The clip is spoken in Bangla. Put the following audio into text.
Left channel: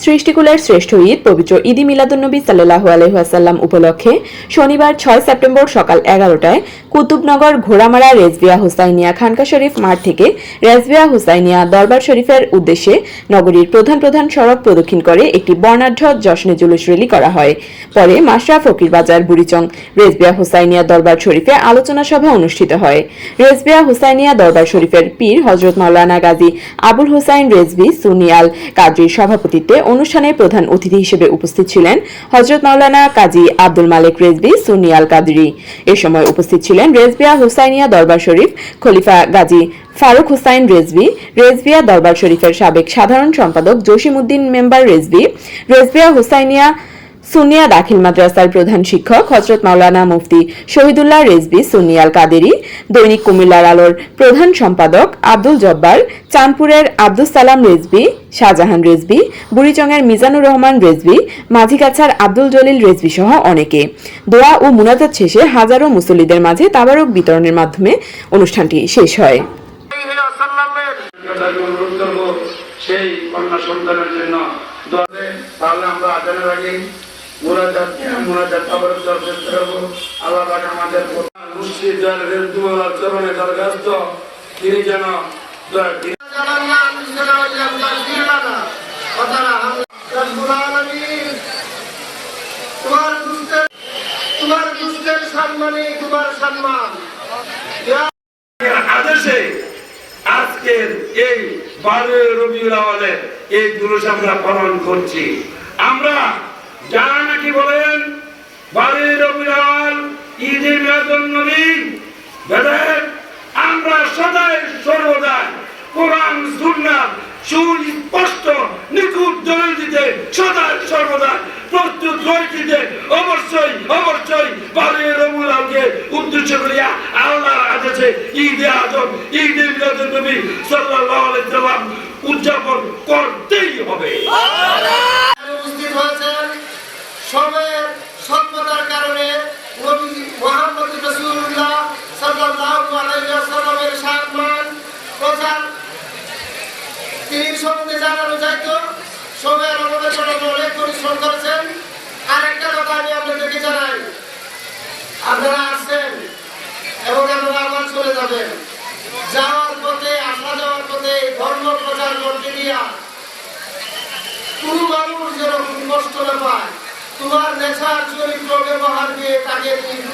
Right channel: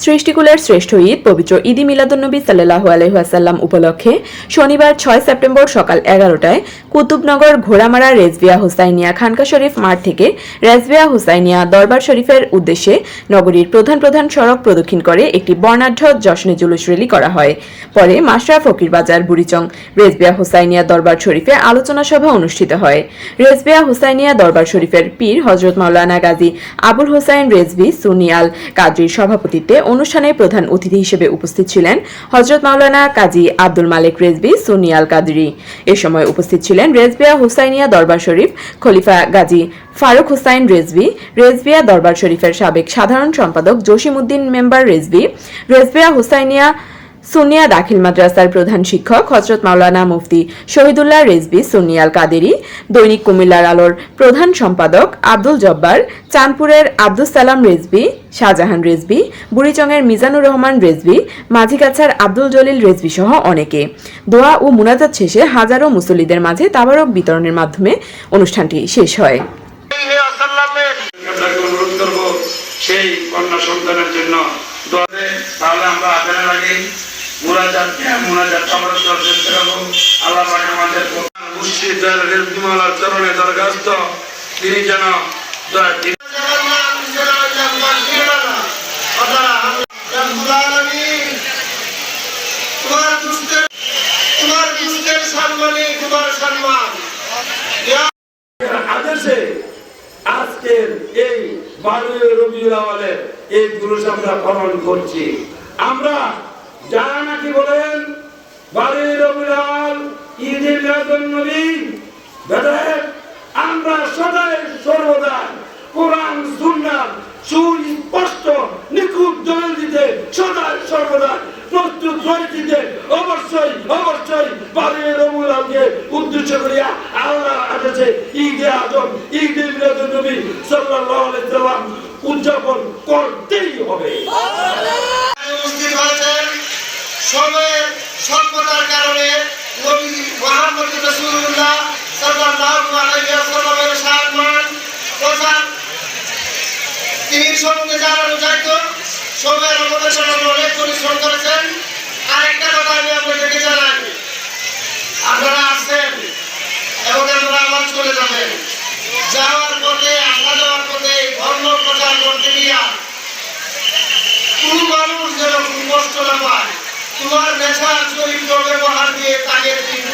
সৃষ্টিকুলের শ্রেষ্ঠ ঈদ পবিত্র ঈদি মিলাদুন্নবী সাল্লাহ আলহাসাল্লাম উপলক্ষে শনিবার ছয় সেপ্টেম্বর সকাল এগারোটায় কুতুবনগর ঘোড়ামারা রেজবিয়া হুসাইনিয়া খানকা শরীফ মাঠ থেকে রেজবিয়া হুসাইনিয়া দরবার শরীফের উদ্দেশ্যে নগরীর প্রধান প্রধান সড়ক প্রদক্ষিণ করে একটি বর্ণাঢ্য জশ্নে জুলুস রেলি করা হয়। পরে মাসরা ফকির বাজার, বুড়িচং রেজবিয়া হুসাইনিয়া দরবার শরীফে আলোচনা সভা অনুষ্ঠিত হয়। রেজবিয়া হুসাইনিয়া দরবার শরীফের পীর হজরত মাওলানা গাজী আবুল হুসাইন রেজভি সুনিয়াল কাজীর সভাপতিত্বে অনুষ্ঠানে প্রধান অতিথি হিসেবে উপস্থিত ছিলেন হজরত মাওলানা কাজী আব্দুল মালিক রেজভি সুনিয়াল কাদরি। এ সময় উপস্থিত ছিলেন রেজবিয়া হুসাইনিয়া দরবার শরীফ খলিফা গাজী ফারুক হুসাইন রেজভি রেজবিয়া দরবার শরীফের সাবেক সাধারণ সম্পাদক জসিমউদ্দিন মেম্বার রেজভি রেজবিয়া হুসাইনিয়া সুনিয়া দাখিল মাদ্রাসার প্রধান শিক্ষক হজরত মাওলানা মুফতি শহীদুল্লাহ রেজবি সুনিয়াল কাদেরি দৈনিক কুমিল্লার আলোর প্রধান সম্পাদক আব্দুল জব্বার, চাঁদপুরের আব্দুল সালাম রেজবি শাহজাহান রেজবি বুড়িচংয়ের মিজানুর রহমান রেজবি মাঝিগাছার আব্দুল জলিল রেজবি সহ অনেকে দোয়া ও মুনাজাত শেষে হাজারো মুসল্লিদের মাঝে তাবারক বিতরণের মাধ্যমে অনুষ্ঠানটি শেষ হয় সেই কন্যা সন্তানের জন্য দোয়া। তাহলে আমরা মুরাজাত মুরাজাত সবার দেওয়ার চেষ্টা আল্লাহ পাক আমাদের মুর্শিদ দয়াল রেজবিমালার চরণে দরখাস্ত। তিনি যেন তোমার দুষ্টের সম্মানে তোমার সম্মান আদেশে আজকের এই বারো রবিউল আওয়ালের এই জুলুস আমরা পালন করছি। আমরা যারা বলেন আমরা সদাই সর্বদাই কোরআন সুন্নাহ সুস্পষ্ট নিখুঁত দিতে সদাই সর্বদা প্রস্তুত অবশ্যই অবশ্যই বারে রবুল উদ্দেশ্য করিয়া আল্লাহর আদেশে ঈদে আজম, ঈদে মিলাদুন নবী সাল্লাল্লাহু আলাইহি উদযাপন করতেই সময়ের স্বল্পতার কারণে মোহাম্মদ আলাইহি ওয়াসাল্লামের সম্মান প্রচার তিনি সম্বন্ধে জানানো যাইত তোমার নেশার চরিত্র ব্যবহার দিয়ে তাকে তুমি